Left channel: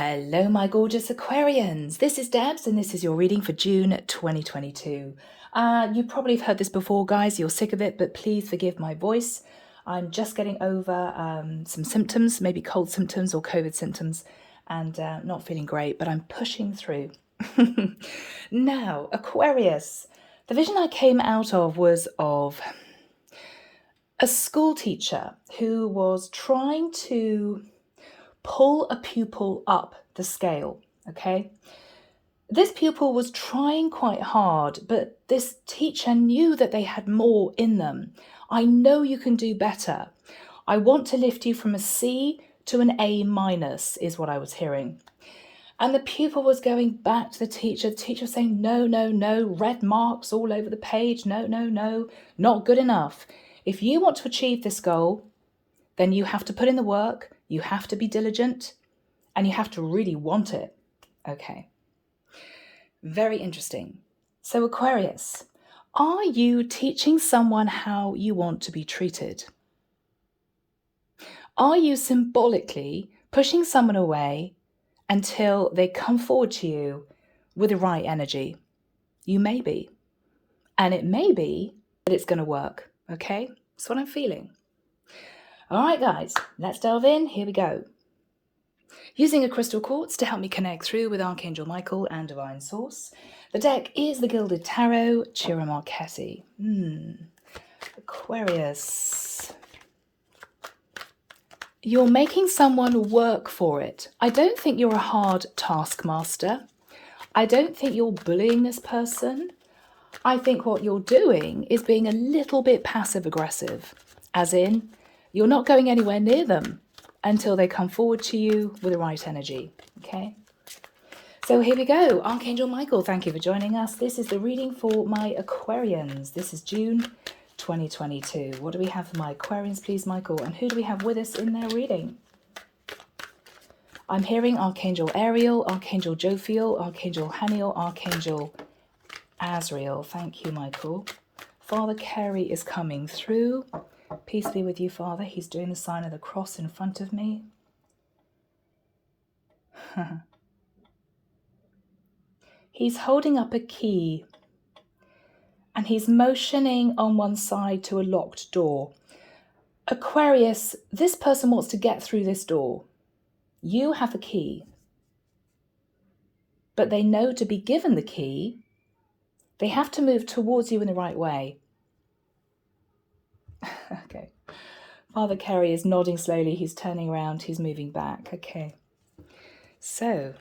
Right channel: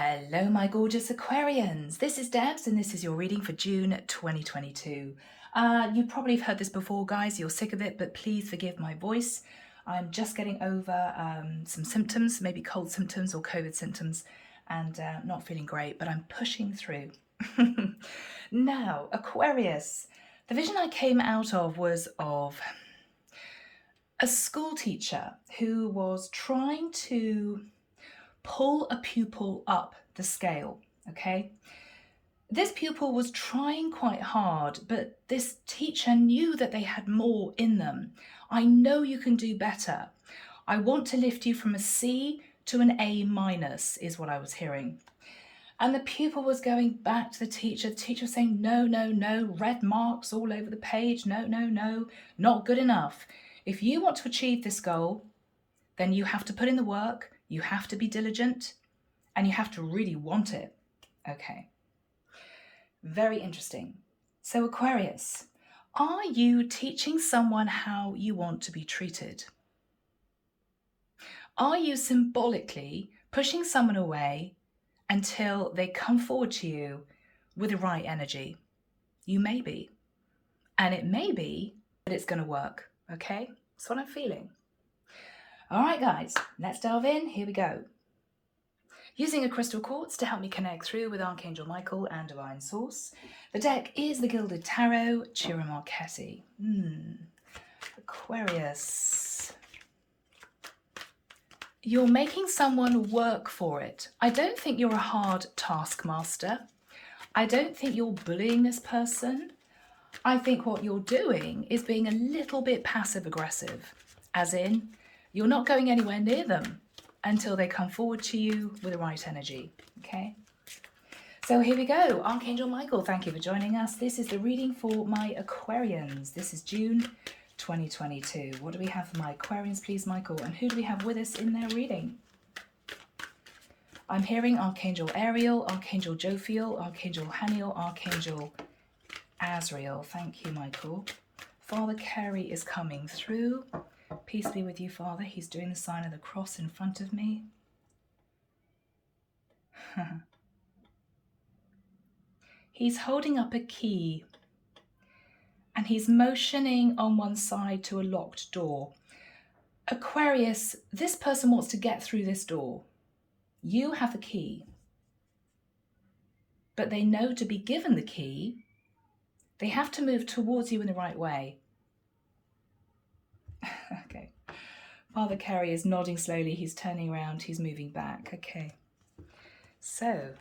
Hello, my gorgeous Aquarians. This is Debs, and this is your reading for June 2022. You probably have heard this before, guys. You're sick of it, but please forgive my voice. I'm just getting over some symptoms, maybe cold symptoms or COVID symptoms, and not feeling great, but I'm pushing through. Now, Aquarius, the vision I came out of was of a school teacher who was trying to pull a pupil up the scale, okay? This pupil was trying quite hard, but this teacher knew that they had more in them. I know you can do better. I want to lift you from a C to an A minus, is what I was hearing. And the pupil was going back to the teacher was saying, no, no, no, red marks all over the page, no, no, no, not good enough. If you want to achieve this goal, then you have to put in the work, you have to be diligent, and you have to really want it. Okay. Very interesting. So Aquarius, are you teaching someone how you want to be treated? Are you symbolically pushing someone away until they come forward to you with the right energy? You may be. And it may be that it's going to work. Okay? That's what I'm feeling. All right, guys, let's delve in. Here we go. Using a crystal quartz to help me connect through with Archangel Michael and Divine Source. The deck is the Gilded Tarot, Ciro Marchetti. Aquarius. You're making someone work for it. I don't think you're a hard taskmaster. I don't think you're bullying this person. I think what you're doing is being a little bit passive aggressive, as in, you're not going anywhere near them until they come forward to you with the right energy, okay? So here we go. Archangel Michael, thank you for joining us. This is the reading for my Aquarians. This is June 2022. What do we have for my Aquarians, please, Michael? And who do we have with us in their reading? I'm hearing Archangel Ariel, Archangel Jophiel, Archangel Haniel, Archangel Azrael. Thank you, Michael. Father Carey is coming through. Peace be with you, Father. He's doing the sign of the cross in front of me. He's holding up a key and he's motioning on one side to a locked door. Aquarius, this person wants to get through this door. You have a key, but they know to be given the key, they have to move towards you in the right way. Okay. Father Carey is nodding slowly. He's turning around. He's moving back. Okay. So,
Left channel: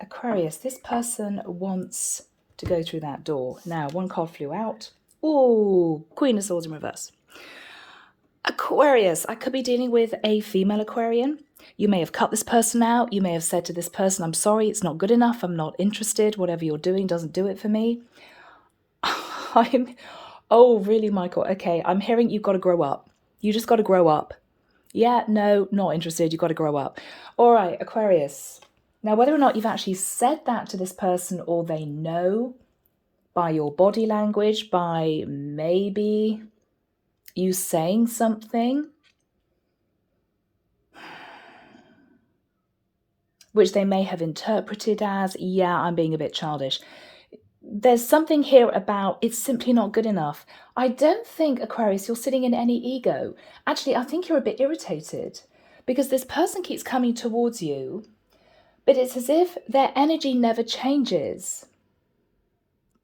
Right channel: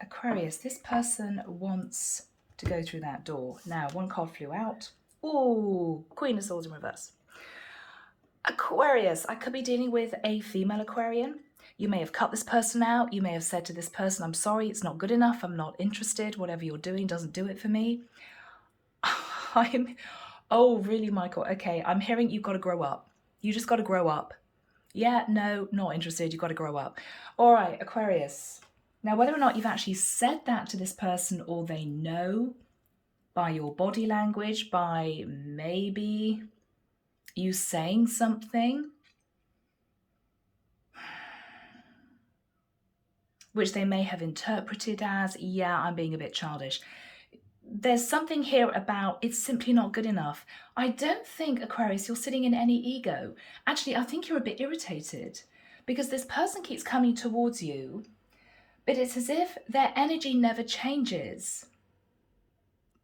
Aquarius, this person wants to go through that door. Now, one card flew out. Oh, Queen of Swords in reverse. Aquarius, I could be dealing with a female Aquarian. You may have cut this person out. You may have said to this person, I'm sorry, it's not good enough. I'm not interested. Whatever you're doing doesn't do it for me. Oh, really, Michael? Okay, I'm hearing you've got to grow up. You just got to grow up. Yeah, no, not interested. You've got to grow up. All right, Aquarius. Now, whether or not you've actually said that to this person or they know by your body language, by maybe you saying something, which they may have interpreted as, yeah, I'm being a bit childish. There's something here about it's simply not good enough. I don't think, Aquarius, you're sitting in any ego. Actually, I think you're a bit irritated because this person keeps coming towards you, but it's as if their energy never changes.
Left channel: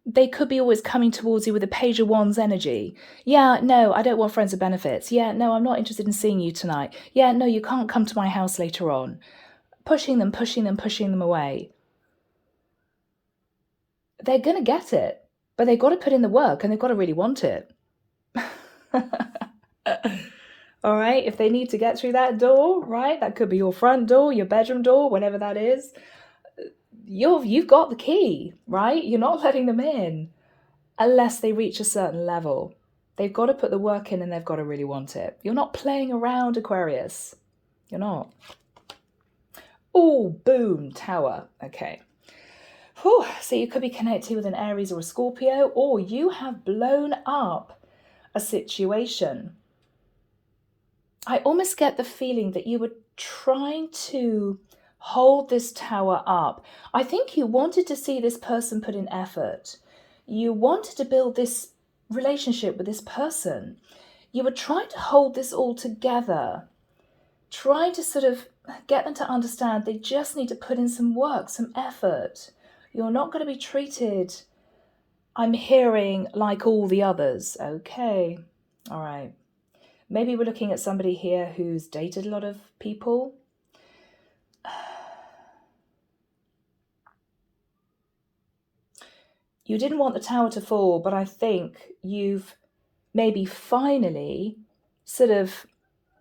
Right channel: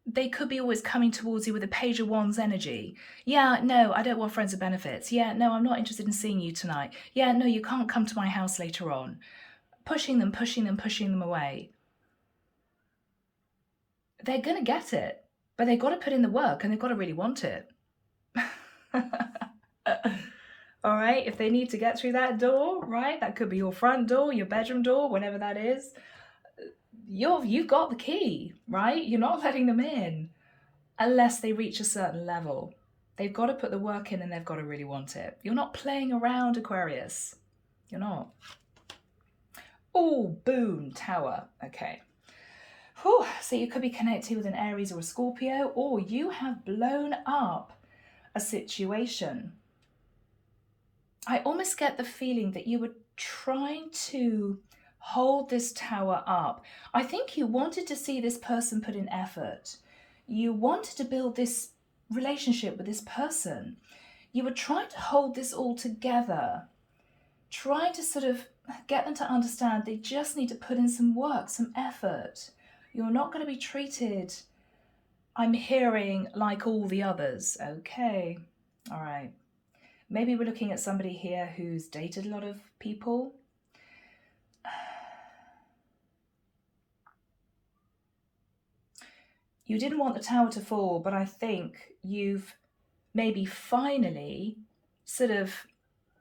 They could be always coming towards you with a Page of Wands energy. Yeah, no, I don't want friends with benefits. Yeah, no, I'm not interested in seeing you tonight. Yeah, no, you can't come to my house later on. Pushing them away. They're going to get it, but they've got to put in the work and they've got to really want it. All right, if they need to get through that door, right, that could be your front door, your bedroom door, whatever that is, you've got the key, right? You're not letting them in unless they reach a certain level. They've got to put the work in and they've got to really want it. You're not playing around, Aquarius. You're not. Oh, boom, Tower. Okay. Whew. So you could be connected with an Aries or a Scorpio, or you have blown up a situation. I almost get the feeling that you were trying to hold this tower up. I think you wanted to see this person put in effort. You wanted to build this relationship with this person. You were trying to hold this all together, trying to sort of get them to understand they just need to put in some work, some effort. You're not going to be treated, I'm hearing, like all the others. Okay, all right. Maybe we're looking at somebody here who's dated a lot of people. You didn't want the tower to fall, but I think you've maybe finally sort of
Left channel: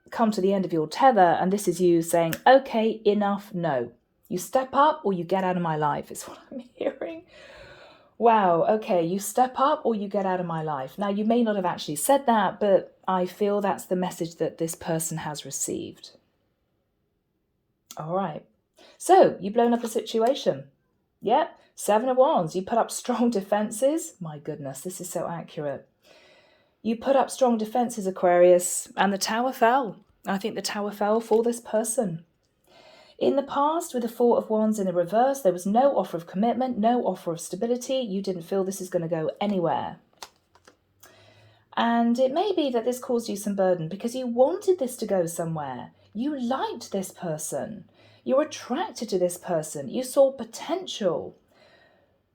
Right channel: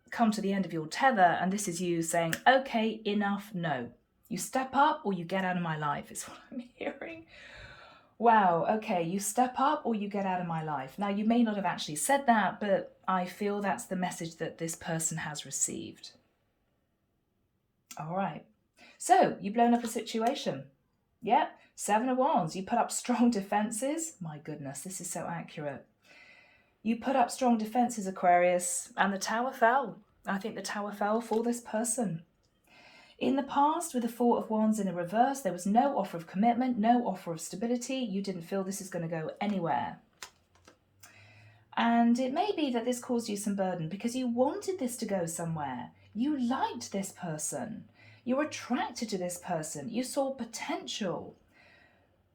come to the end of your tether, and this is you saying, okay, enough, no. You step up or you get out of my life, is what I'm hearing. Wow, okay, you step up or you get out of my life. Now, you may not have actually said that, but I feel that's the message that this person has received. All right. So, you've blown up the situation. Yeah, 7 of Wands. You put up strong defenses. My goodness, this is so accurate. You put up strong defenses, Aquarius, and the tower fell. I think the tower fell for this person. In the past, with the 4 of Wands in the reverse, there was no offer of commitment, no offer of stability. You didn't feel this is going to go anywhere. And it may be that this caused you some burden because you wanted this to go somewhere. You liked this person. You're attracted to this person. You saw potential.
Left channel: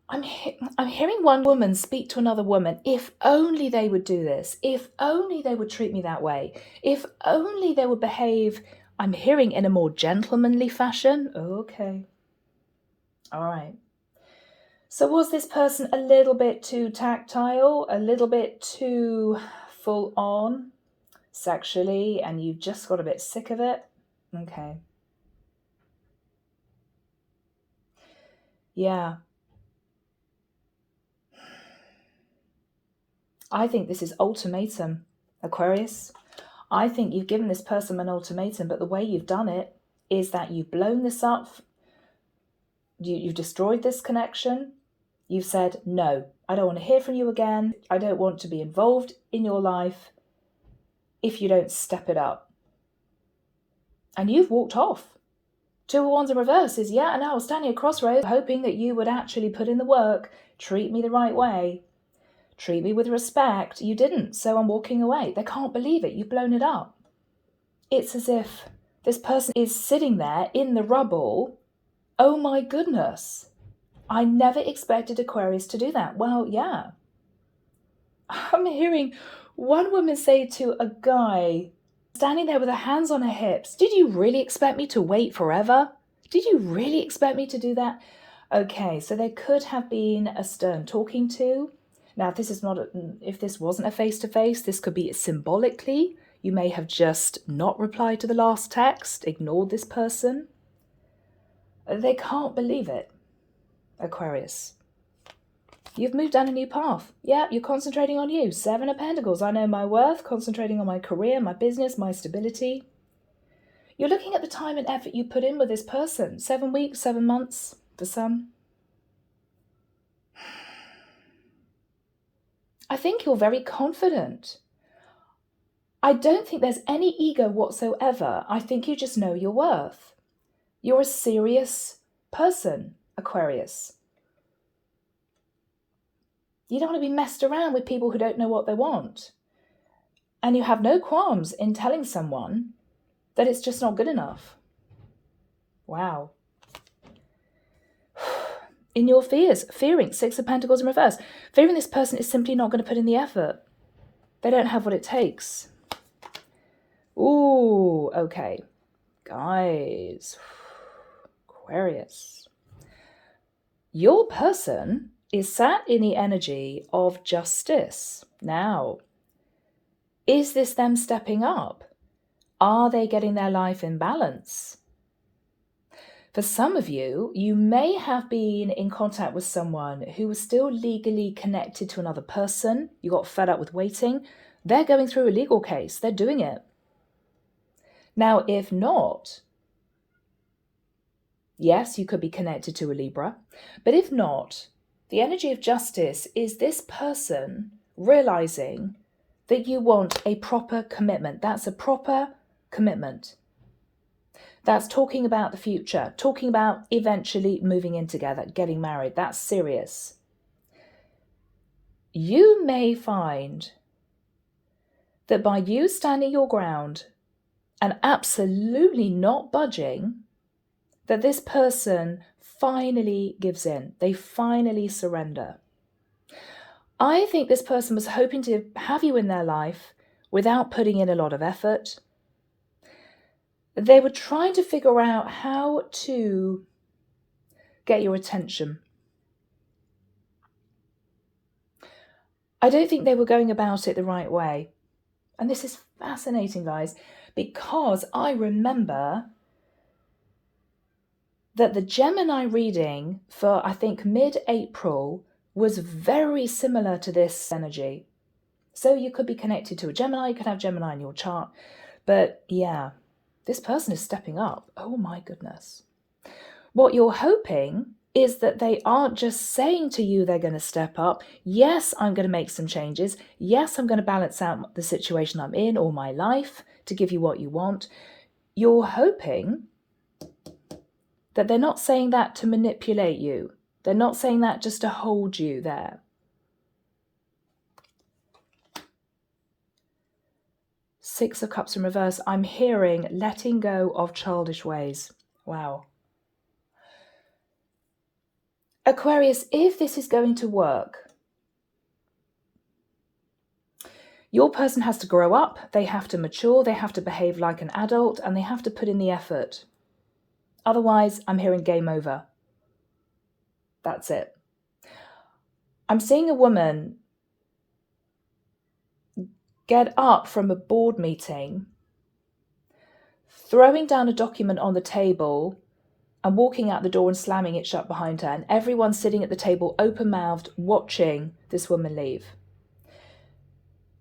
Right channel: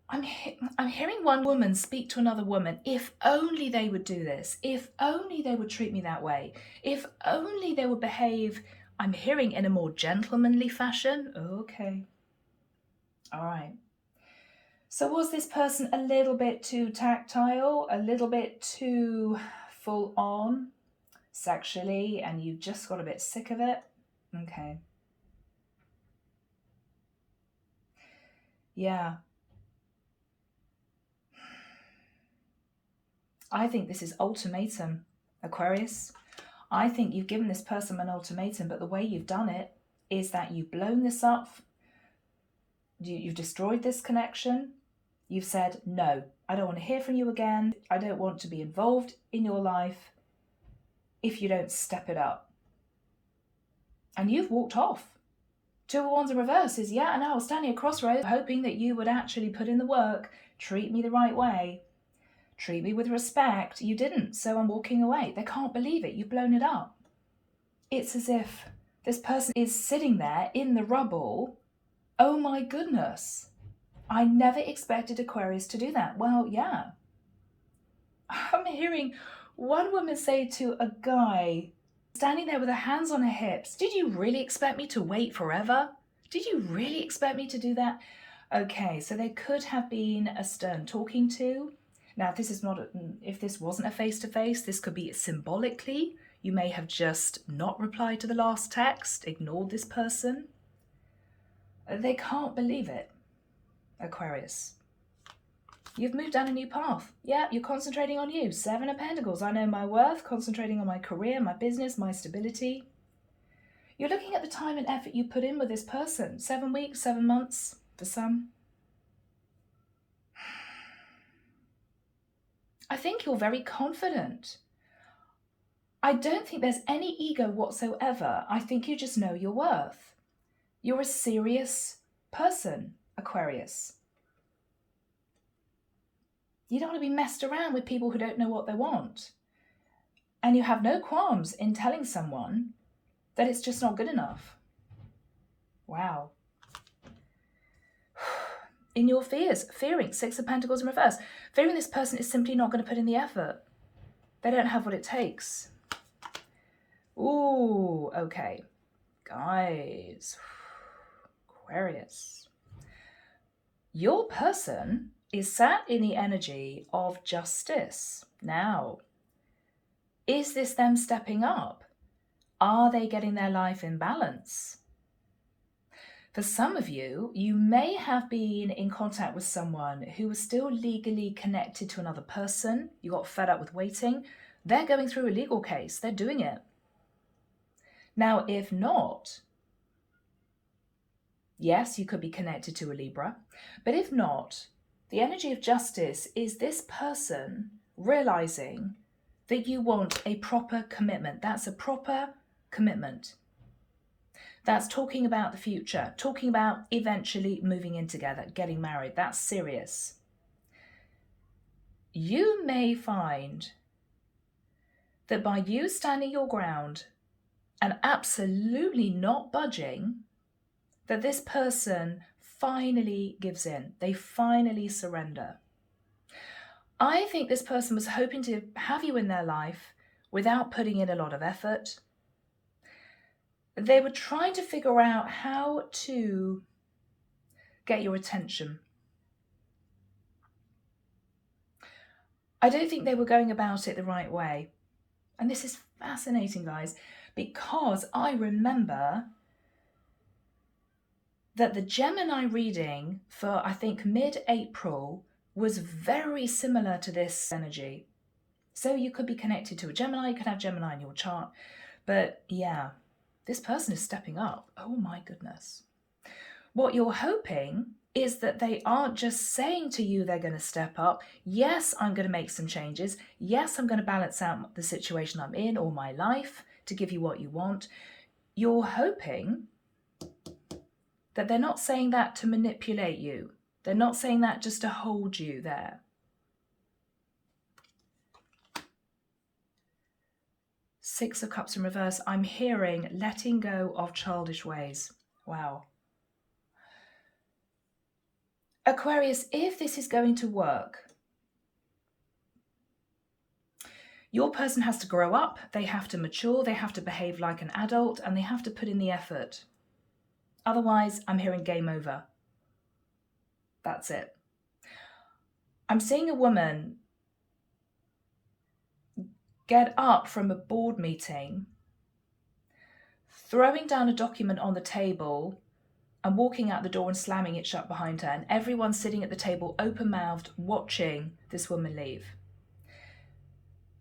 I'm hearing one woman speak to another woman. If only they would do this. If only they would treat me that way. If only they would behave, I'm hearing, in a more gentlemanly fashion. Okay. All right. So was this person a little bit too tactile, a little bit too full on sexually, and you just got a bit sick of it? Okay. Yeah. I think this is ultimatum, Aquarius. I think you've given this person an ultimatum, but the way you've done it is that you've blown this up. You've destroyed this connection. You've said, no, I don't want to hear from you again. I don't want to be involved in your life if you don't step it up. And you've walked off. 2 of Wands in reverse is, yeah, and I was standing at crossroads hoping that you would actually put in the work, treat me the right way, treat me with respect. You didn't, so I'm walking away. They can't believe it. You've blown it up. It's as if this person is sitting there in the rubble. Oh my goodness. I never expected Aquarius to do that. Well, yeah. I'm hearing one woman say to a guy standing there with her hands on her hips, did you really expect me to wait forever? Did you really expect me to do that? Okay, so there could have been a stern talking to. Now, if this wasn't a face-to-face, this could be symbolically. You may have just not replied to the last text, ignored this person. They can't believe it, Aquarius. You've moved down a new path. Yeah, you're concentrating on you. 7 of Pentacles. I know my worth, concentrating on my career, my business, my stability. You're looking at the time and effort you put in with this person. 7 weeks, 7 months for some. I think you're very confident. I don't think there's any ego whatsoever. I think you just know your worth. You're a serious person, Aquarius. You don't want to be messed around with people who don't know what they want. And you have no qualms in telling someone that it's just not good enough. Wow. In your fearing, 6 of Pentacles in reverse, fearing this person is simply not going to put in the effort. They don't have what it takes. Ooh, okay. Guys, Aquarius. Your person is sat in the energy of justice. Now, is this them stepping up? Are they getting their life in balance? For some of you, you may have been in contact with someone who was still legally connected to another person. You got fed up with waiting. They're going through a legal case. They're doing it. Now, if not, yes, you could be connected to a Libra. But if not, the energy of justice is this person realizing that you want a proper commitment. That's a proper commitment. That's talking about the future, talking about eventually moving in together, getting married. That's serious. You may find that by you standing your ground and absolutely not budging, that this person finally gives in. They finally surrender. I think this person was hoping to have you in their life without putting in a lot of effort. They were trying to figure out how to get your attention. I don't think they were going about it the right way. And this is fascinating, guys, because I remember that the Gemini reading for, I think, mid-April was very similar to this energy. So you could be connected to a Gemini, you could have Gemini in your chart. But yeah, this person is stepping up. Oh my goodness. What you're hoping is that they aren't just saying to you they're going to step up. Yes, I'm going to make some changes. Yes, I'm going to balance out the situation I'm in or my life to give you what you want. You're hoping that they're not saying that to manipulate you. They're not saying that just to hold you there. Six of Cups in reverse. I'm hearing letting go of childish ways. Wow. Aquarius, if this is going to work, your person has to grow up, they have to mature, they have to behave like an adult, and they have to put in the effort. Otherwise, I'm hearing game over. That's it. I'm seeing a woman get up from a board meeting, throwing down a document on the table and walking out the door and slamming it shut behind her, and everyone sitting at the table open-mouthed watching this woman leave.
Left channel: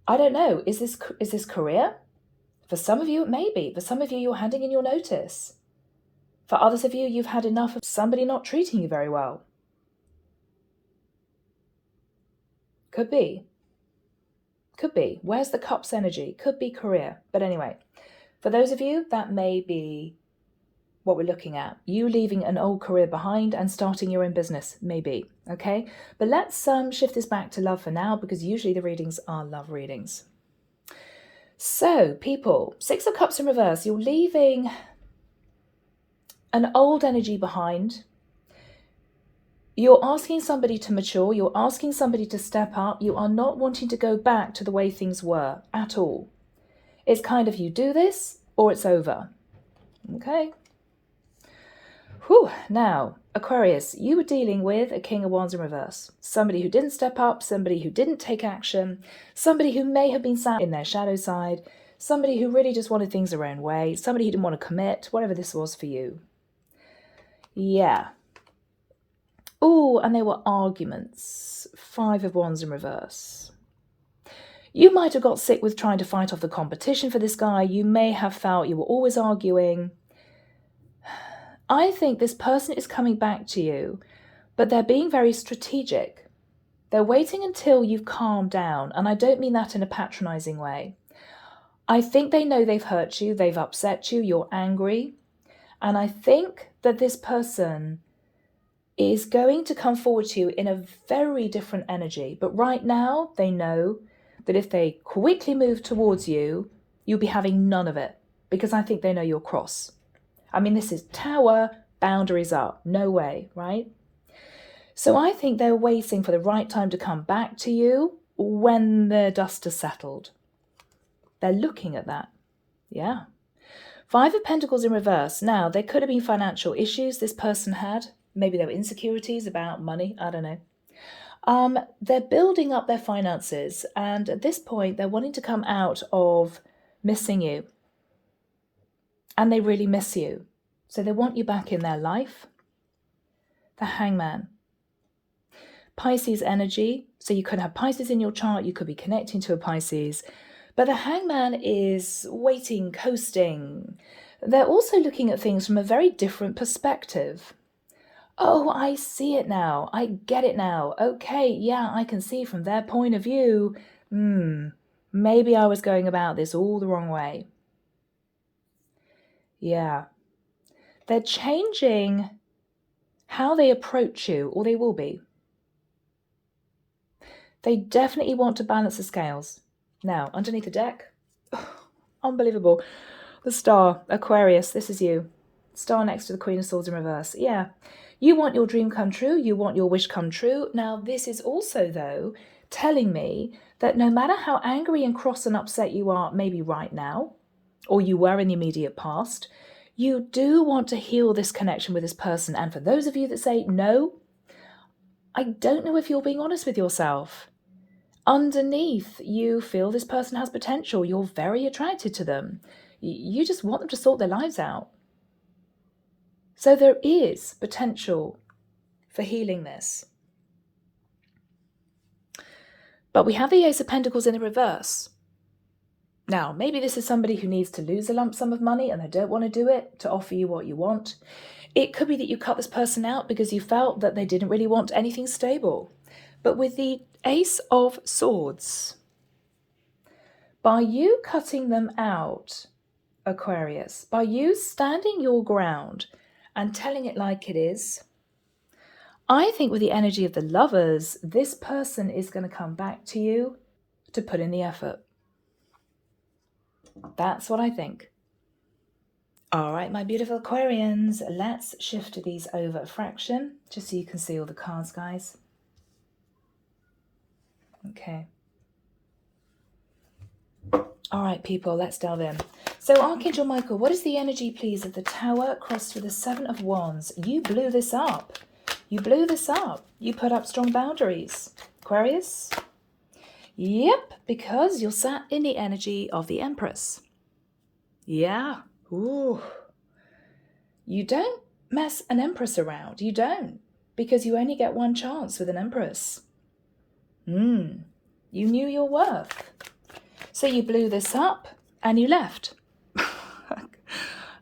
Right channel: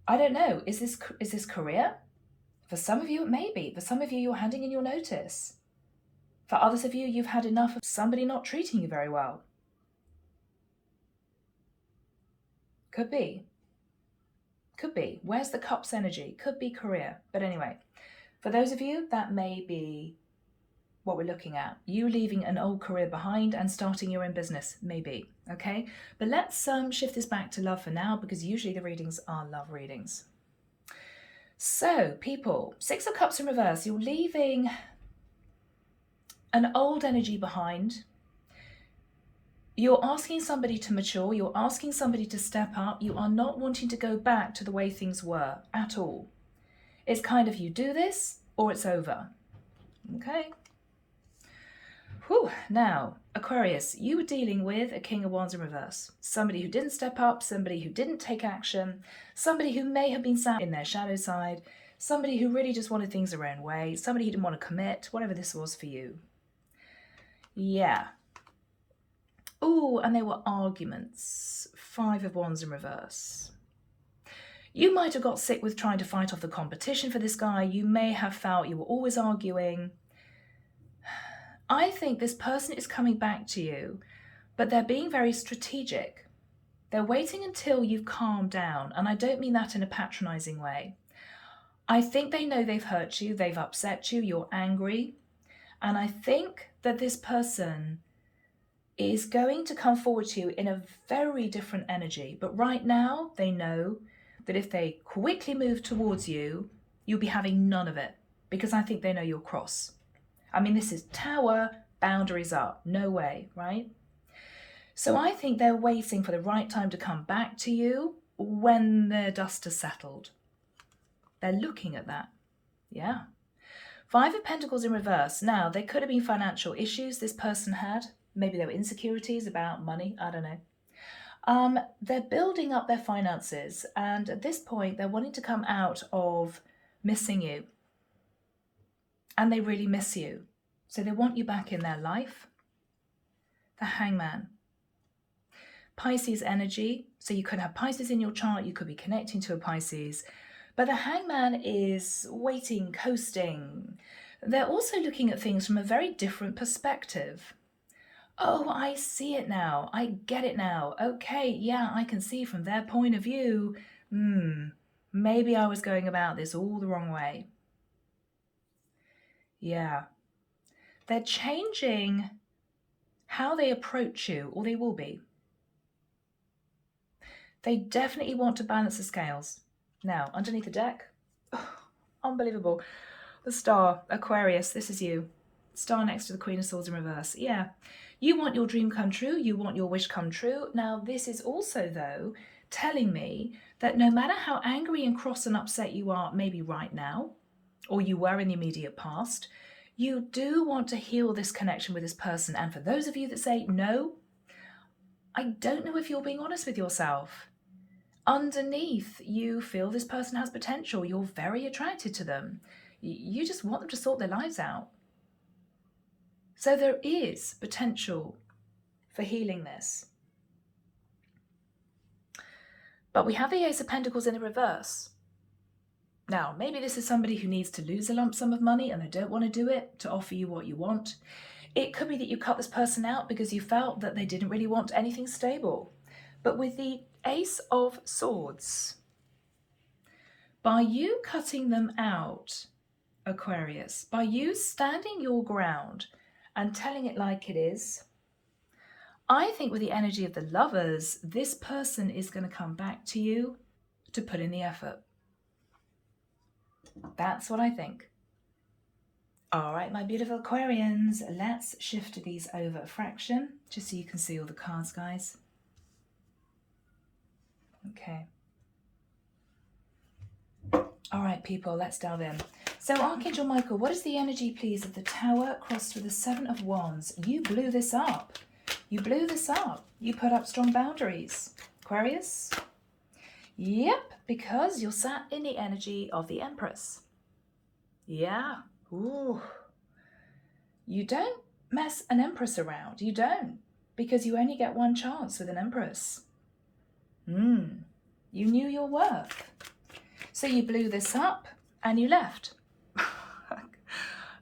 I don't know, is this career? For some of you, it may be. For some of you, you're handing in your notice. For others of you, you've had enough of somebody not treating you very well. Could be. Could be. Where's the Cups energy? Could be career. But anyway, for those of you, that may be what we're looking at. You leaving an old career behind and starting your own business, maybe. Okay? But let's shift this back to love for now, because usually the readings are love readings. So, people, Six of Cups in reverse. You're leaving an old energy behind. You're asking somebody to mature. You're asking somebody to step up. You are not wanting to go back to the way things were at all. It's kind of you do this or it's over. Okay. Whew. Now, Aquarius, you were dealing with a King of Wands in reverse. Somebody who didn't step up, somebody who didn't take action, somebody who may have been sat in their shadow side, somebody who really just wanted things their own way, somebody who didn't want to commit, whatever this was for you. Yeah. Oh, and there were arguments. Five of Wands in reverse. You might have got sick with trying to fight off the competition for this guy. You may have felt you were always arguing. I think this person is coming back to you, but they're being very strategic. They're waiting until you've calmed down, and I don't mean that in a patronizing way. I think they know they've hurt you, they've upset you, you're angry, and I think that this person is going to come forward to you in a very different energy. But right now, they know that if they quickly move towards you, you'll be having none of it, because I think they know you're cross. I mean, this is Tower, boundaries up, no way, right? So I think they're waiting for the right time to come back to you when the dust has settled. They're looking at that, yeah. Five of Pentacles in reverse. Now, there could have been financial issues this person had. Maybe there were insecurities about money, I don't know. They're building up their finances, and at this point, they're wanting to come out of missing you. And they really miss you. So they want you back in their life. The Hangman. Pisces energy. So you could have Pisces in your chart. You could be connecting to a Pisces. But the Hangman is waiting, coasting. They're also looking at things from a very different perspective. Oh, I see it now. I get it now. Okay, yeah, I can see from their point of view. Maybe I was going about this all the wrong way. Yeah. They're changing how they approach you, or they will be. They definitely want to balance the scales. Now, underneath the deck, unbelievable. The star, Aquarius, this is you. Star next to the Queen of Swords in reverse. Yeah, you want your dream come true. You want your wish come true. Now, this is also, though, telling me that no matter how angry and cross and upset you are, maybe right now, or you were in the immediate past, you do want to heal this connection with this person. And for those of you that say, no, I don't know if you're being honest with yourself. Underneath, you feel this person has potential. You're very attracted to them. You just want them to sort their lives out. So there is potential for healing this. But we have the Ace of Pentacles in the reverse. Now, maybe this is somebody who needs to lose a lump sum of money and they don't want to do it to offer you what you want. It could be that you cut this person out because you felt that they didn't really want anything stable. But with the Ace of Swords, by you cutting them out, Aquarius, by you standing your ground and telling it like it is, I think with the energy of the Lovers, this person is going to come back to you to put in the effort. That's what I think. All right, my beautiful Aquarians, let's shift these over a fraction, just so you can see all the cards, guys. Okay. All right, people, let's delve in. So, Archangel Michael, what is the energy, please, of the Tower crossed with the Seven of Wands? You blew this up. You blew this up. You put up strong boundaries. Aquarius? Yep, because you're sat in the energy of the Empress. Yeah. Ooh. You don't mess an Empress around. You don't. Because you only get one chance with an Empress. You knew your worth. So you blew this up and you left.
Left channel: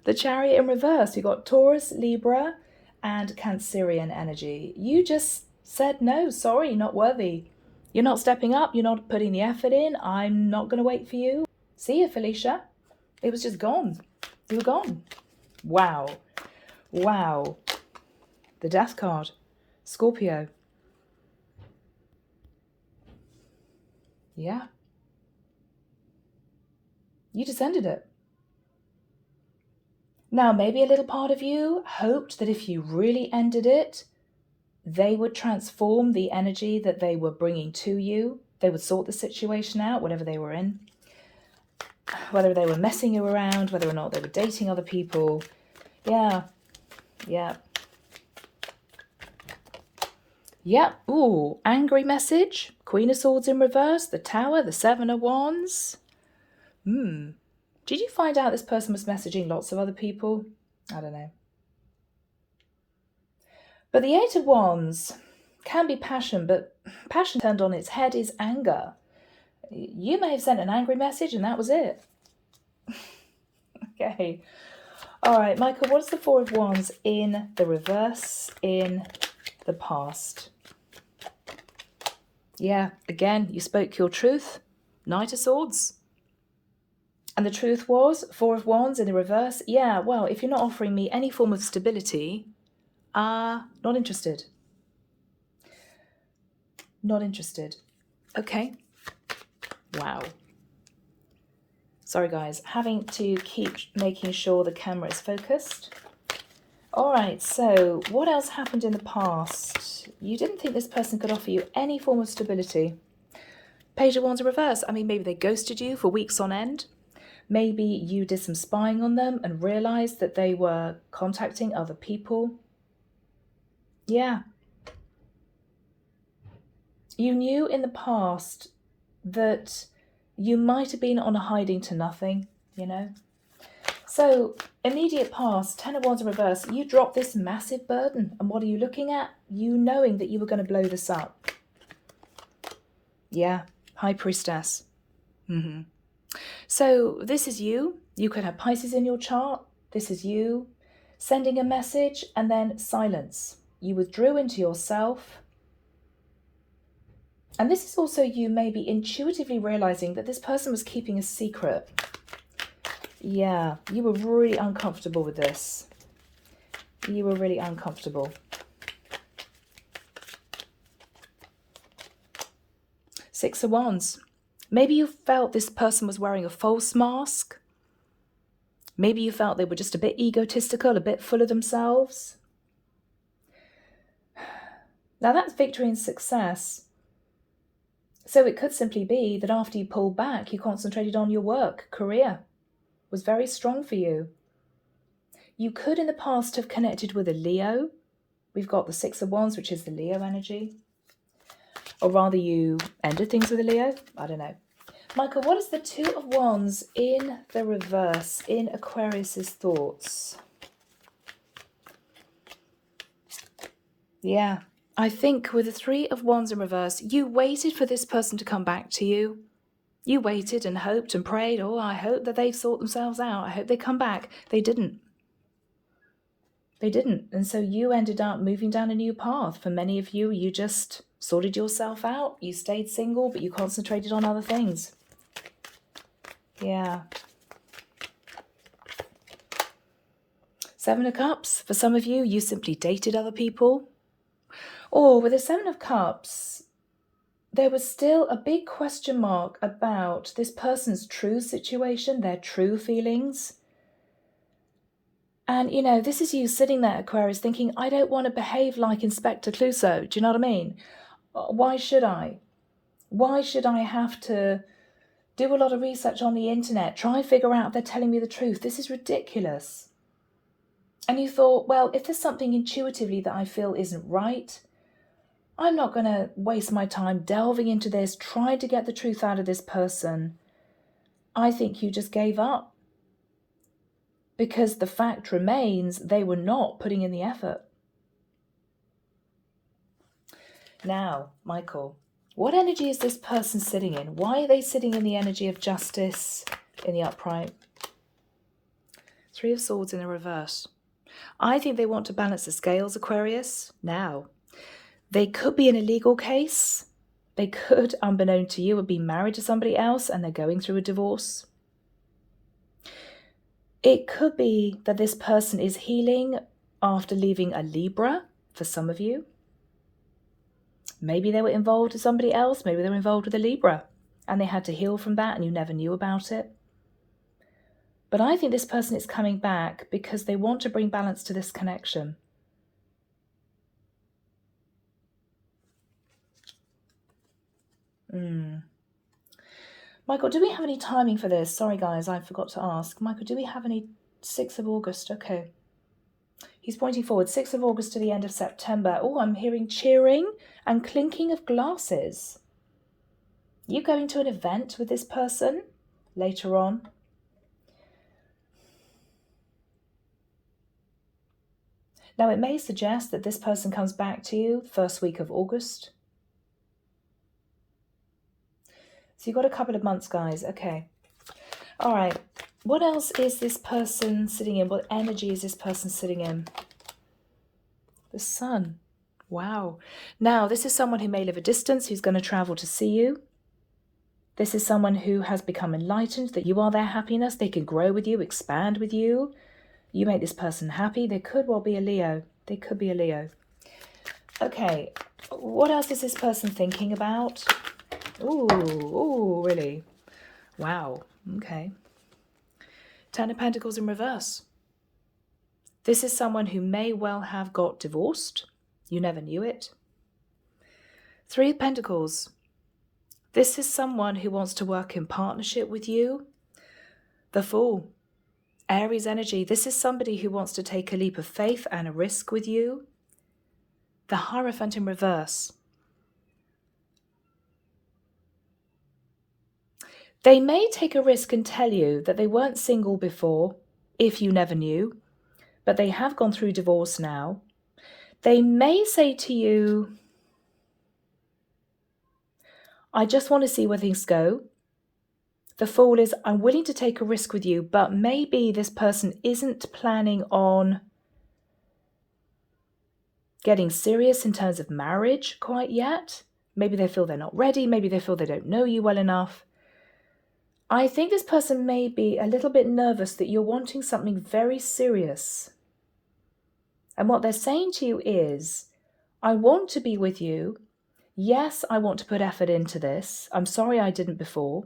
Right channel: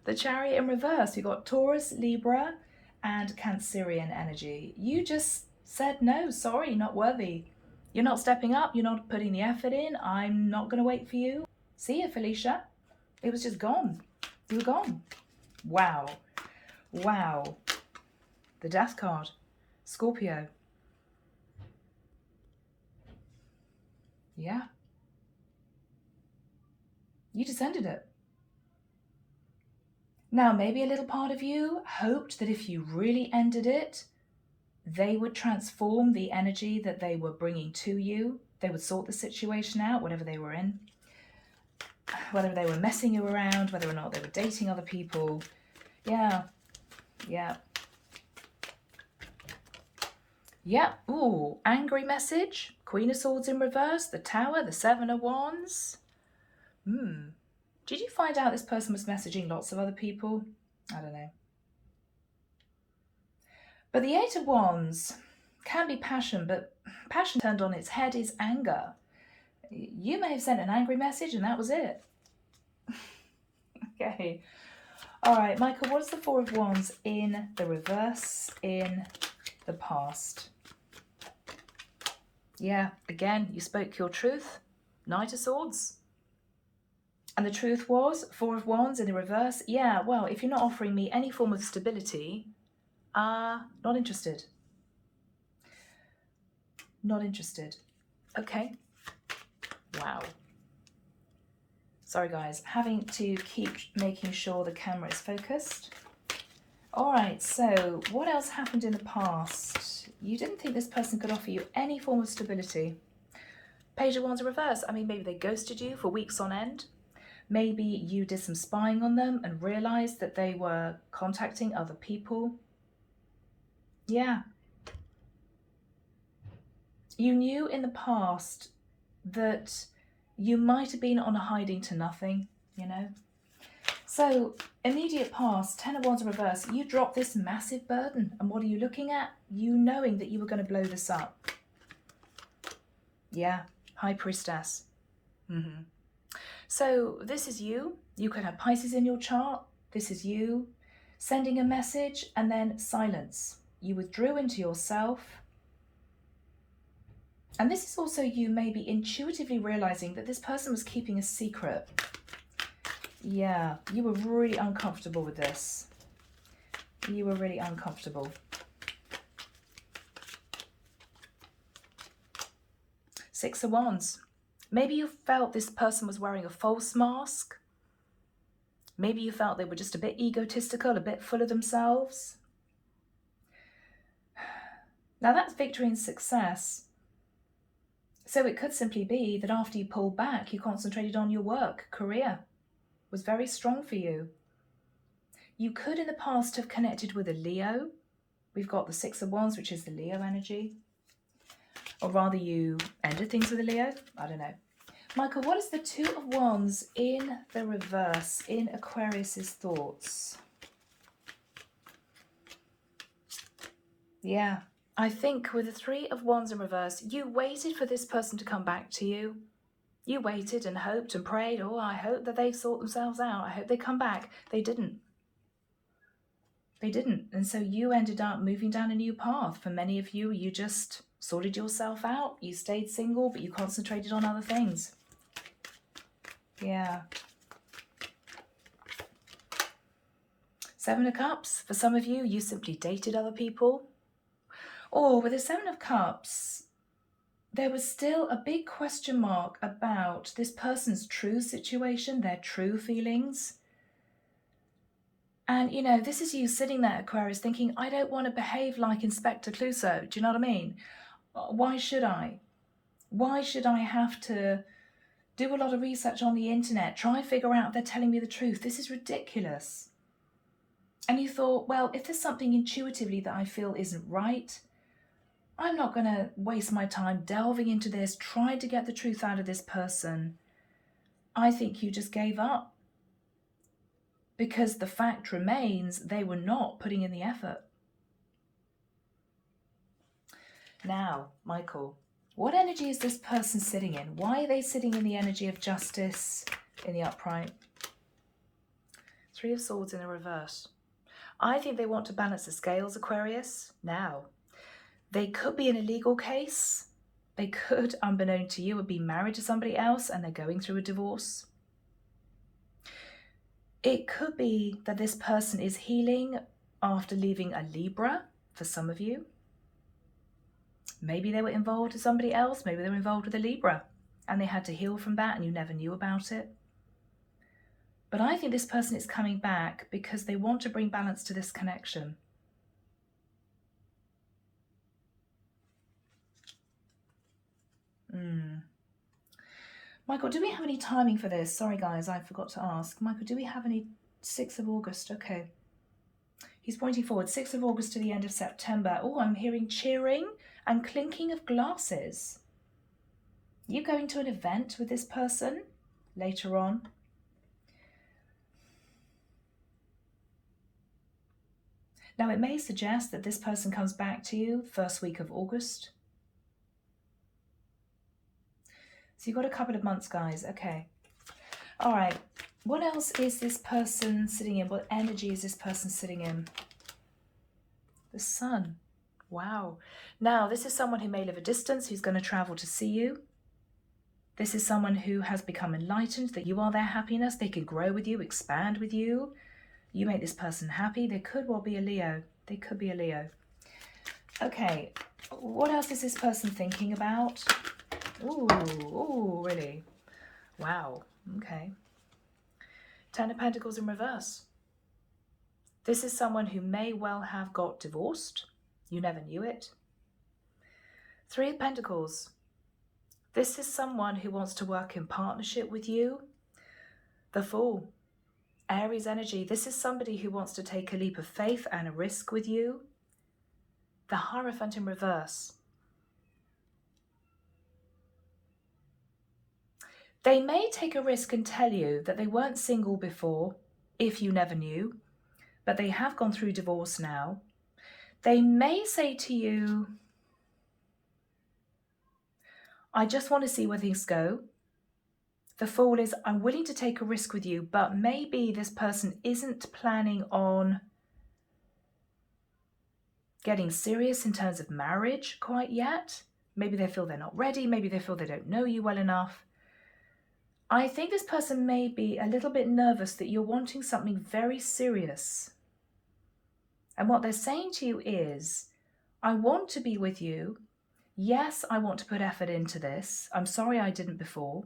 The Chariot in reverse. We got Taurus, Libra, and Cancerian energy. You just said, no, sorry, not worthy. You're not stepping up. You're not putting the effort in. I'm not going to wait for you. See you, Felicia. It was just gone. You were gone. Wow. Wow. The Death card. Scorpio. Yeah. You descended it. Now, maybe a little part of you hoped that if you really ended it, they would transform the energy that they were bringing to you. They would sort the situation out, whatever they were in. Whether they were messing you around, whether or not they were dating other people. Yeah. Yeah. Yeah. Ooh, angry message. Queen of Swords in reverse. The Tower, the Seven of Wands. Did you find out this person was messaging lots of other people? I don't know. But the Eight of Wands can be passion, but passion turned on its head is anger. You may have sent an angry message and that was it. Okay. All right, Michael, what's the Four of Wands in the reverse in the past? Yeah, again, you spoke your truth. Knight of Swords. And the truth was, Four of Wands in the reverse. Yeah, well, if you're not offering me any form of stability, not interested. Not interested. Okay. Wow. Sorry, guys. Having to keep making sure the camera is focused. All right, so what else happened in the past? You didn't think this person could offer you any form of stability. Page of Wands in reverse. I mean, maybe they ghosted you for weeks on end. Maybe you did some spying on them and realized that they were contacting other people. Yeah. You knew in the past that you might have been on a hiding to nothing, you know. So, immediate past, Ten of Wands in reverse, you dropped this massive burden. And what are you looking at? You knowing that you were going to blow this up. Yeah, High Priestess. So this is you. You could have Pisces in your chart. This is you sending a message and then silence. You withdrew into yourself. And this is also you maybe intuitively realizing that this person was keeping a secret. Yeah, you were really uncomfortable with this. You were really uncomfortable. Six of Wands. Maybe you felt this person was wearing a false mask. Maybe you felt they were just a bit egotistical, a bit full of themselves. Now that's victory and success. So it could simply be that after you pulled back, you concentrated on your work, career was very strong for you. You could in the past have connected with a Leo. We've got the Six of Wands, which is the Leo energy. Or rather you ended things with a Leo. I don't know. Michael, what is the Two of Wands in the reverse in Aquarius's thoughts? Yeah, I think with the Three of Wands in reverse, you waited for this person to come back to you. You waited and hoped and prayed, oh, I hope that they sort themselves out. I hope they come back. They didn't. They didn't. And so you ended up moving down a new path. For many of you, you just sorted yourself out. You stayed single, but you concentrated on other things. Yeah. Seven of Cups. For some of you, you simply dated other people. Or with the Seven of Cups, there was still a big question mark about this person's true situation, their true feelings. And, you know, this is you sitting there, Aquarius, thinking, I don't want to behave like Inspector Clouseau. Do you know what I mean? Why should I? Why should I have to do a lot of research on the internet, try and figure out if they're telling me the truth? This is ridiculous. And you thought, well, if there's something intuitively that I feel isn't right, I'm not going to waste my time delving into this, trying to get the truth out of this person. I think you just gave up. Because the fact remains, they were not putting in the effort. Now, Michael, what energy is this person sitting in? Why are they sitting in the energy of justice in the upright? Three of Swords in the reverse. I think they want to balance the scales, Aquarius. Now, they could be in a legal case. They could, unbeknown to you, have been married to somebody else and they're going through a divorce. It could be that this person is healing after leaving a Libra, for some of you. Maybe they were involved with somebody else. Maybe they were involved with a Libra and they had to heal from that and you never knew about it. But I think this person is coming back because they want to bring balance to this connection. Michael, do we have any timing for this? Sorry, guys, I forgot to ask. Michael, do we have any 6th of August? Okay. He's pointing forward, 6th of August to the end of September. Oh, I'm hearing cheering and clinking of glasses. You going to an event with this person later on? Now, it may suggest that this person comes back to you first week of August. So you've got a couple of months, guys. Okay. All right. What else is this person sitting in? What energy is this person sitting in? The Sun. Wow. Now, this is someone who may live a distance, who's going to travel to see you. This is someone who has become enlightened, that you are their happiness. They can grow with you, expand with you. You make this person happy. They could well be a Leo. They could be a Leo. Okay. What else is this person thinking about? Ooh, really? Wow. Okay. Ten of Pentacles in reverse. This is someone who may well have got divorced. You never knew it. Three of Pentacles. This is someone who wants to work in partnership with you. The Fool. Aries energy. This is somebody who wants to take a leap of faith and a risk with you. The Hierophant in reverse. They may take a risk and tell you that they weren't single before, if you never knew, but they have gone through divorce now. They may say to you, I just want to see where things go. The Fool is, I'm willing to take a risk with you, but maybe this person isn't planning on getting serious in terms of marriage quite yet. Maybe they feel they're not ready. Maybe they feel they don't know you well enough. I think this person may be a little bit nervous that you're wanting something very serious. And what they're saying to you is, I want to be with you. Yes, I want to put effort into this. I'm sorry I didn't before.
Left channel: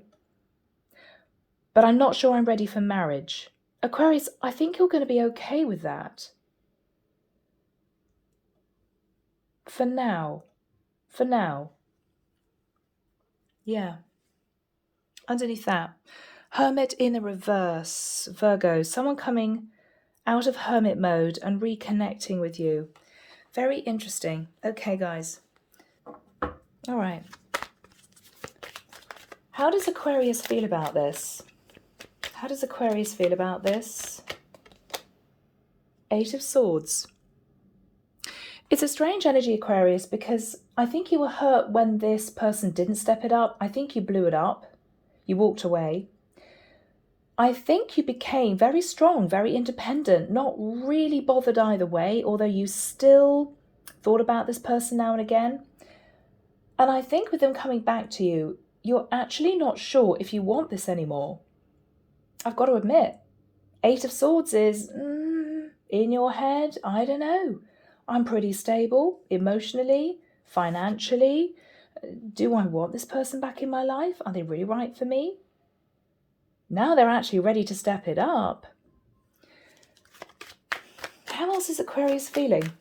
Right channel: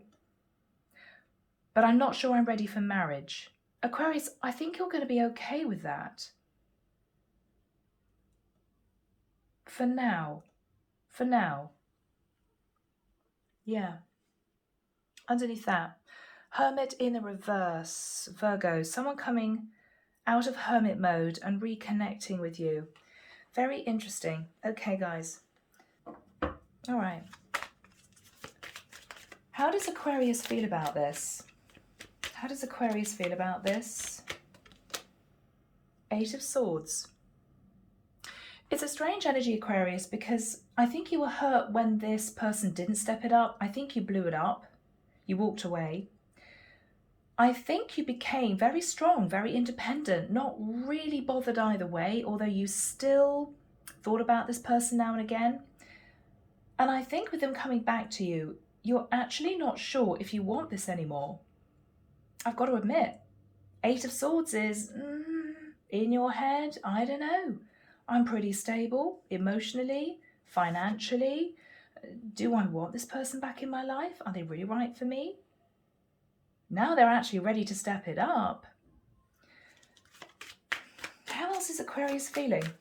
But I'm not sure I'm ready for marriage. Aquarius, I think you're going to be okay with that. For now. For now. Yeah. Underneath that, Hermit in the reverse. Virgo, someone coming out of hermit mode and reconnecting with you. Very interesting. Okay, guys. All right. How does Aquarius feel about this? How does Aquarius feel about this? Eight of Swords. It's a strange energy, Aquarius, because I think you were hurt when this person didn't step it up. I think you blew it up. You walked away. I think you became very strong, very independent, not really bothered either way, although you still thought about this person now and again. And I think with them coming back to you, you're actually not sure if you want this anymore. I've got to admit, Eight of Swords is in your head. I don't know. I'm pretty stable emotionally, financially. Do I want this person back in my life? Are they really right for me? Now they're actually ready to step it up. How else is Aquarius feeling?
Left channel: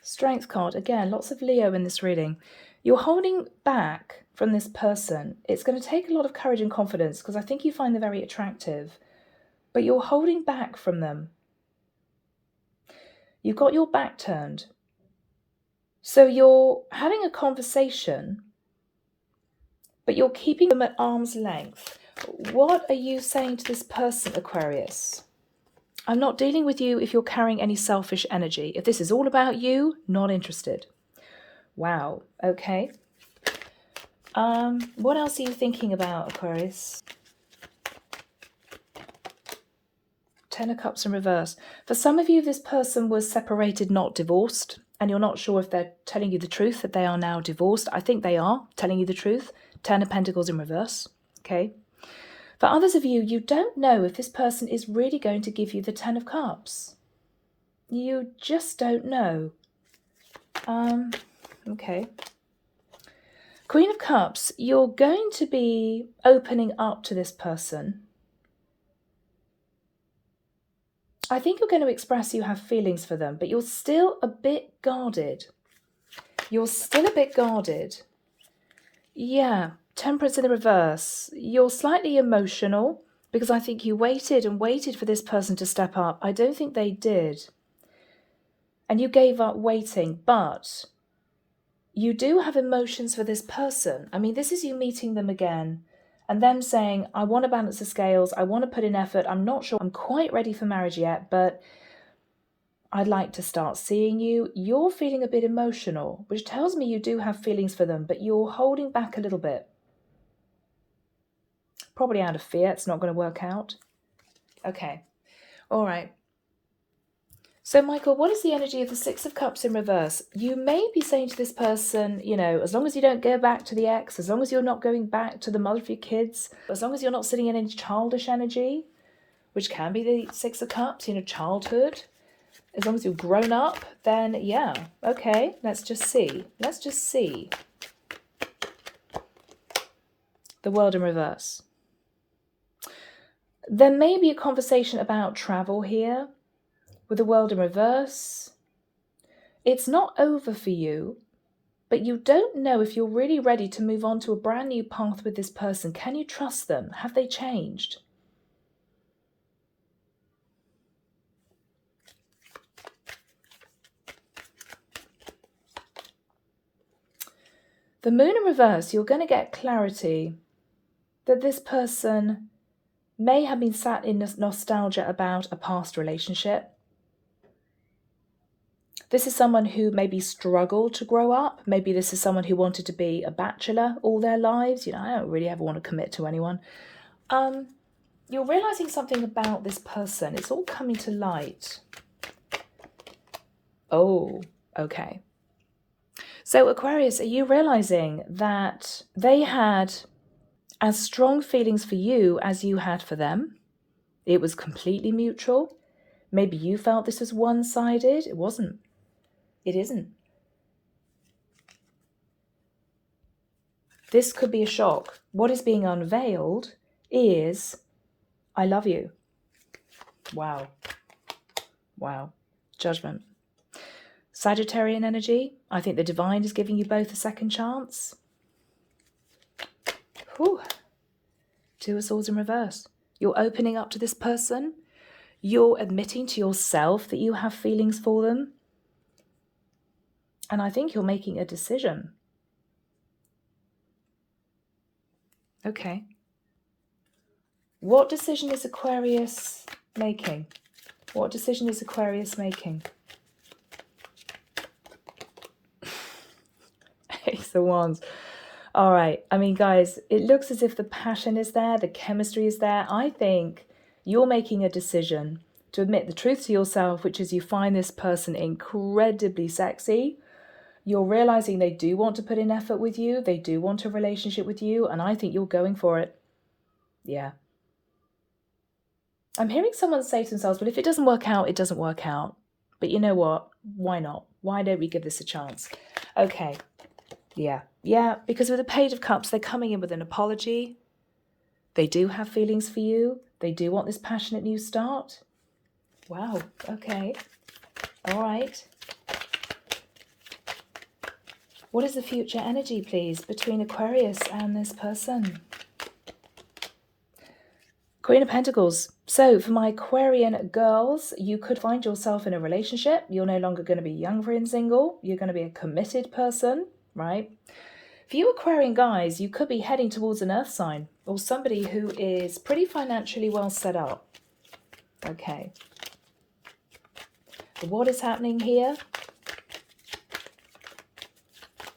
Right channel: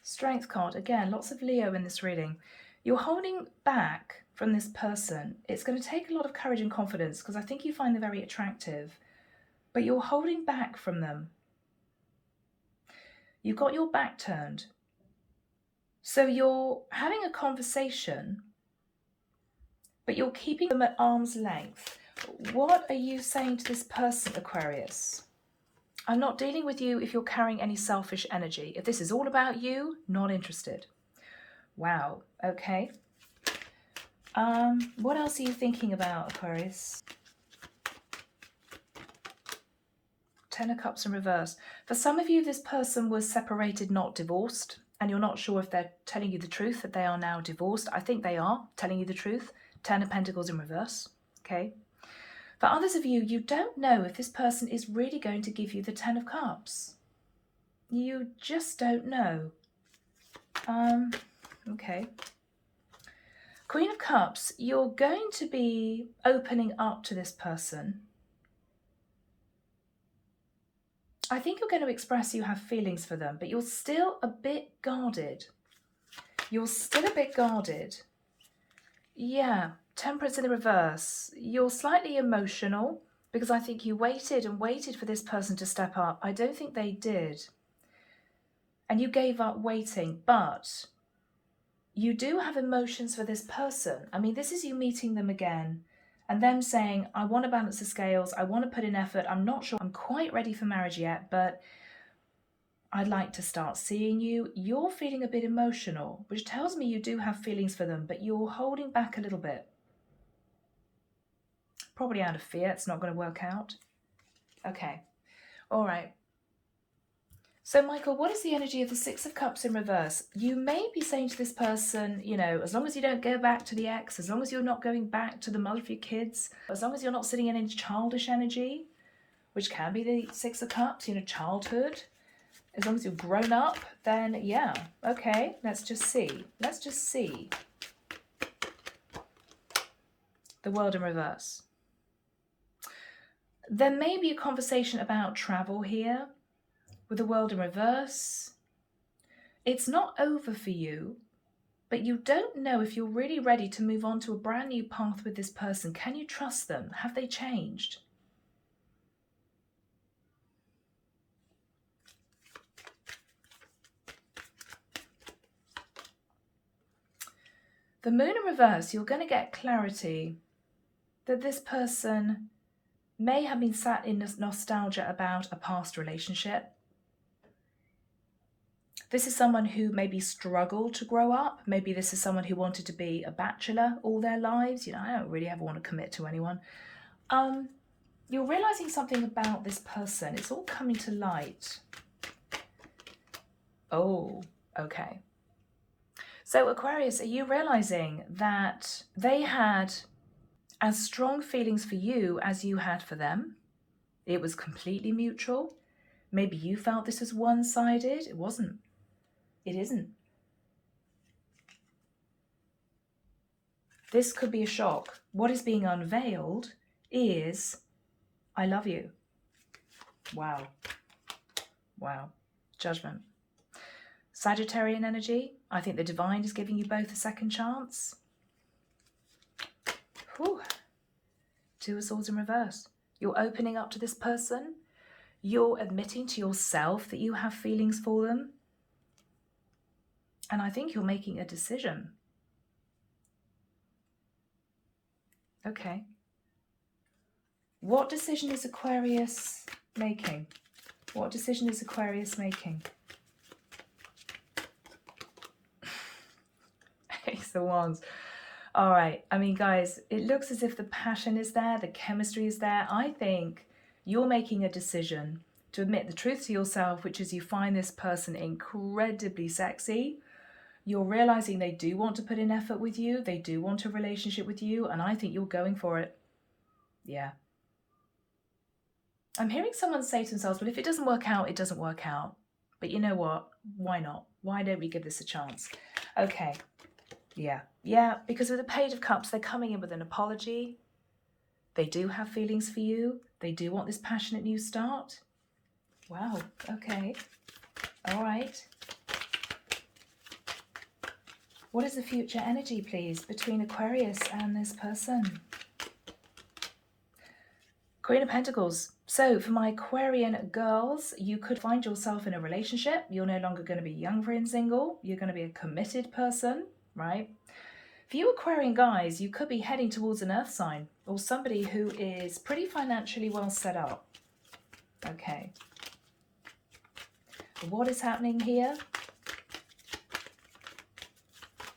Strength card. Again, lots of Leo in this reading. You're holding back from this person. It's going to take a lot of courage and confidence because I think you find them very attractive. But you're holding back from them. You've got your back turned. So you're having a conversation, but you're keeping them at arm's length. What are you saying to this person, Aquarius? I'm not dealing with you if you're carrying any selfish energy. If this is all about you, not interested. Wow, okay. What else are you thinking about, Aquarius? Ten of Cups in reverse. For some of you, this person was separated, not divorced, and you're not sure if they're telling you the truth, that they are now divorced. I think they are telling you the truth. Ten of Pentacles in reverse, okay? For others of you, you don't know if this person is really going to give you the Ten of Cups. You just don't know. Okay. Queen of Cups, you're going to be opening up to this person. I think you're going to express you have feelings for them, but you're still a bit guarded. You're still a bit guarded. Yeah, Temperance in the reverse. You're slightly emotional because I think you waited and waited for this person to step up. I don't think they did. And you gave up waiting, but you do have emotions for this person. I mean, this is you meeting them again and them saying, I want to balance the scales. I want to put in effort. I'm not sure I'm quite ready for marriage yet, but I'd like to start seeing you. You're feeling a bit emotional, which tells me you do have feelings for them, but you're holding back a little bit. Probably out of fear. It's not going to work out. Okay. All right. So, Michael, what is the energy of the Six of Cups in reverse? You may be saying to this person, you know, as long as you don't go back to the ex, as long as you're not going back to the mother of your kids, as long as you're not sitting in any childish energy, which can be the Six of Cups, you know, childhood, as long as you've grown up, then yeah, okay, let's just see. Let's just see. The World in reverse. There may be a conversation about travel here. With the World in reverse, it's not over for you, but you don't know if you're really ready to move on to a brand new path with this person. Can you trust them? Have they changed? The Moon in reverse, you're going to get clarity that this person may have been sat in nostalgia about a past relationship. This is someone who maybe struggled to grow up. Maybe this is someone who wanted to be a bachelor all their lives. You know, I don't really ever want to commit to anyone. You're realizing something about this person. It's all coming to light. Oh, okay. So Aquarius, are you realizing that they had as strong feelings for you as you had for them? It was completely mutual. Maybe you felt this was one-sided. It wasn't. It isn't. This could be a shock. What is being unveiled is, I love you. Wow. Wow. Judgment. Sagittarian energy. I think the divine is giving you both a second chance. Whew. Two of Swords in reverse. You're opening up to this person. You're admitting to yourself that you have feelings for them. And I think you're making a decision. Okay. What decision is Aquarius making? What decision is Aquarius making? Ace of Wands. All right. I mean, guys, it looks as if the passion is there. The chemistry is there. I think you're making a decision to admit the truth to yourself, which is you find this person incredibly sexy. You're realizing they do want to put in effort with you. They do want a relationship with you. And I think you're going for it. Yeah. I'm hearing someone say to themselves, well, if it doesn't work out, it doesn't work out. But you know what? Why not? Why don't we give this a chance? Okay. Yeah, because with the Page of Cups, they're coming in with an apology. They do have feelings for you. They do want this passionate new start. Wow, okay. All right. What is the future energy, please, between Aquarius and this person? Queen of Pentacles. So for my Aquarian girls, you could find yourself in a relationship. You're no longer going to be young, free and single. You're going to be a committed person, right? For you Aquarian guys, you could be heading towards an earth sign or somebody who is pretty financially well set up. Okay. What is happening here?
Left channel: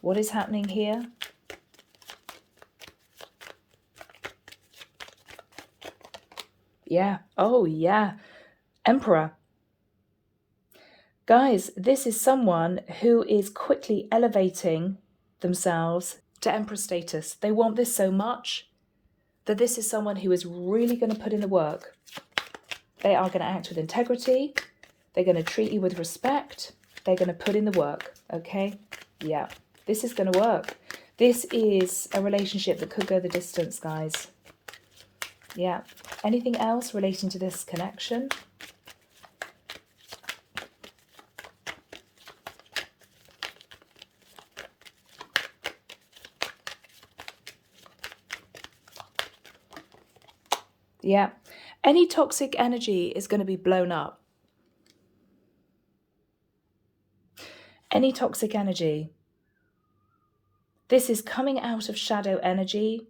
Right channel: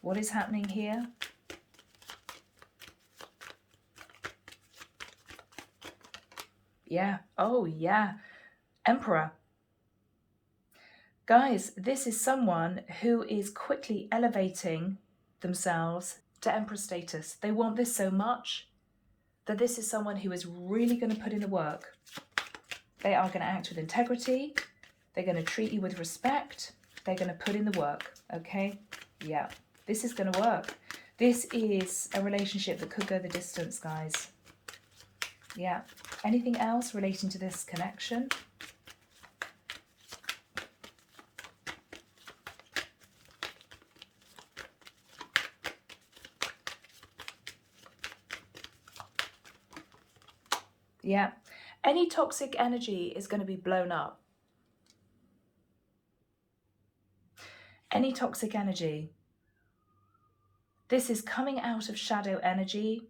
What is happening here? Yeah. Oh, yeah. Emperor. Guys, this is someone who is quickly elevating themselves to Emperor status. They want this so much that this is someone who is really going to put in the work. They are going to act with integrity. They're going to treat you with respect. They're going to put in the work. Okay? Yeah. This is going to work. This is a relationship that could go the distance, guys. Yeah. Anything else relating to this connection? Yeah. Any toxic energy is going to be blown up. Any toxic energy. This is coming out of shadow energy.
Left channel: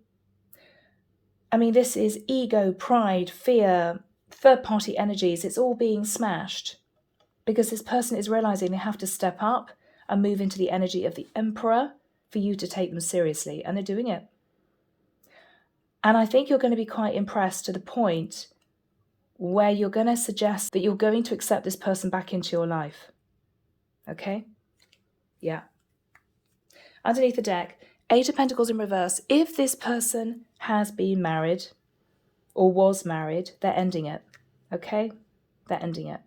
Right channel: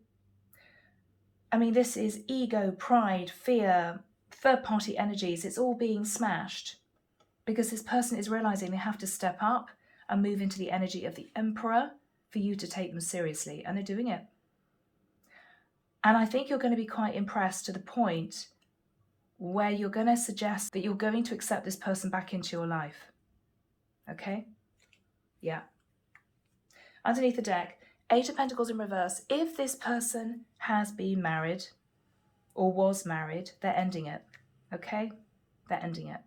I mean, this is ego, pride, fear, third-party energies. It's all being smashed because this person is realizing they have to step up and move into the energy of the Emperor for you to take them seriously. And they're doing it. And I think you're going to be quite impressed to the point where you're going to suggest that you're going to accept this person back into your life. Okay? Yeah. Underneath the deck, Eight of Pentacles in reverse. If this person has been married or was married, they're ending it. Okay? They're ending it.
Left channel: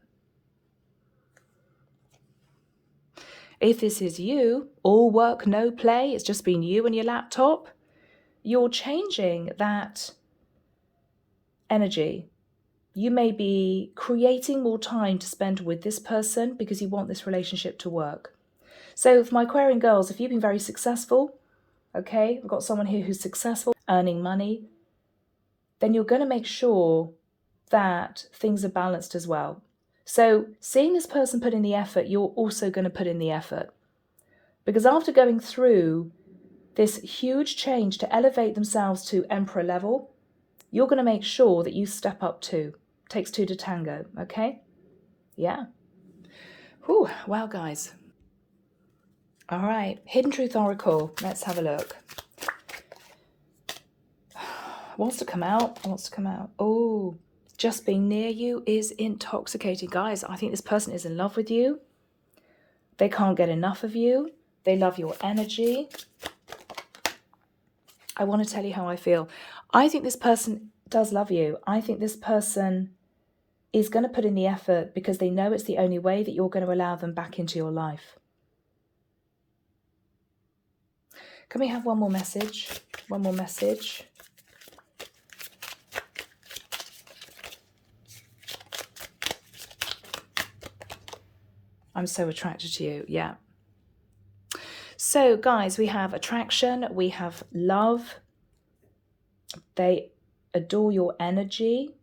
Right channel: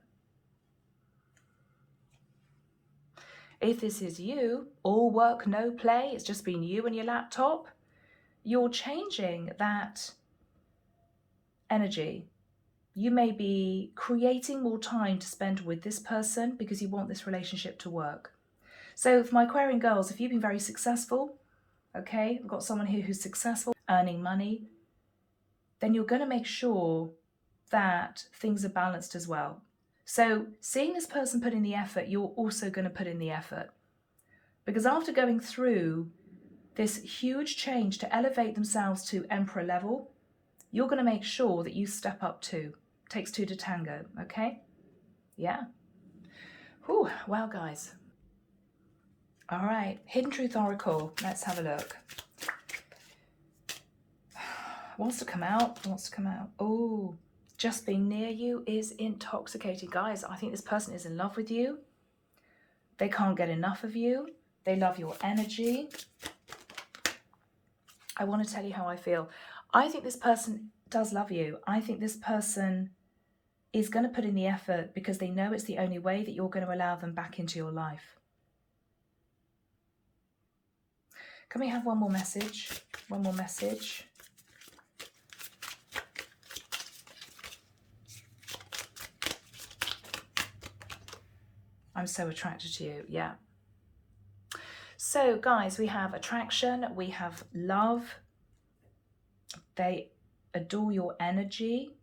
If this is you, all work, no play, it's just been you and your laptop, you're changing that energy. You may be creating more time to spend with this person because you want this relationship to work. So for my Aquarian girls, if you've been very successful, okay, I've got someone here who's successful, earning money, then you're going to make sure that things are balanced as well. So seeing this person put in the effort, you're also going to put in the effort. Because after going through this huge change to elevate themselves to Emperor level, you're going to make sure that you step up too. Takes two to tango, okay? Yeah. Whew, wow, guys. All right, Hidden Truth Oracle. Let's have a look. Wants to come out, wants to come out. Oh, just being near you is intoxicating. Guys, I think this person is in love with you. They can't get enough of you. They love your energy. I want to tell you how I feel. I think this person does love you. I think this person is going to put in the effort because they know it's the only way that you're going to allow them back into your life. Can we have one more message? One more message. I'm so attracted to you. Yeah. So guys, we have attraction, we have love. They adore your energy.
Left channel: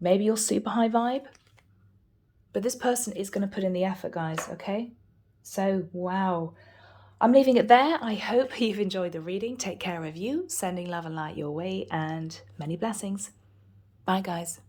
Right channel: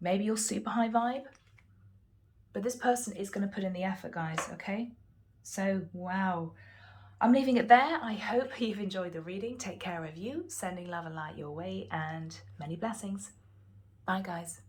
Maybe you're super high vibe, but this person is going to put in the effort, guys. Okay. So, wow. I'm leaving it there. I hope you've enjoyed the reading. Take care of you, sending love and light your way, and many blessings. Bye, guys.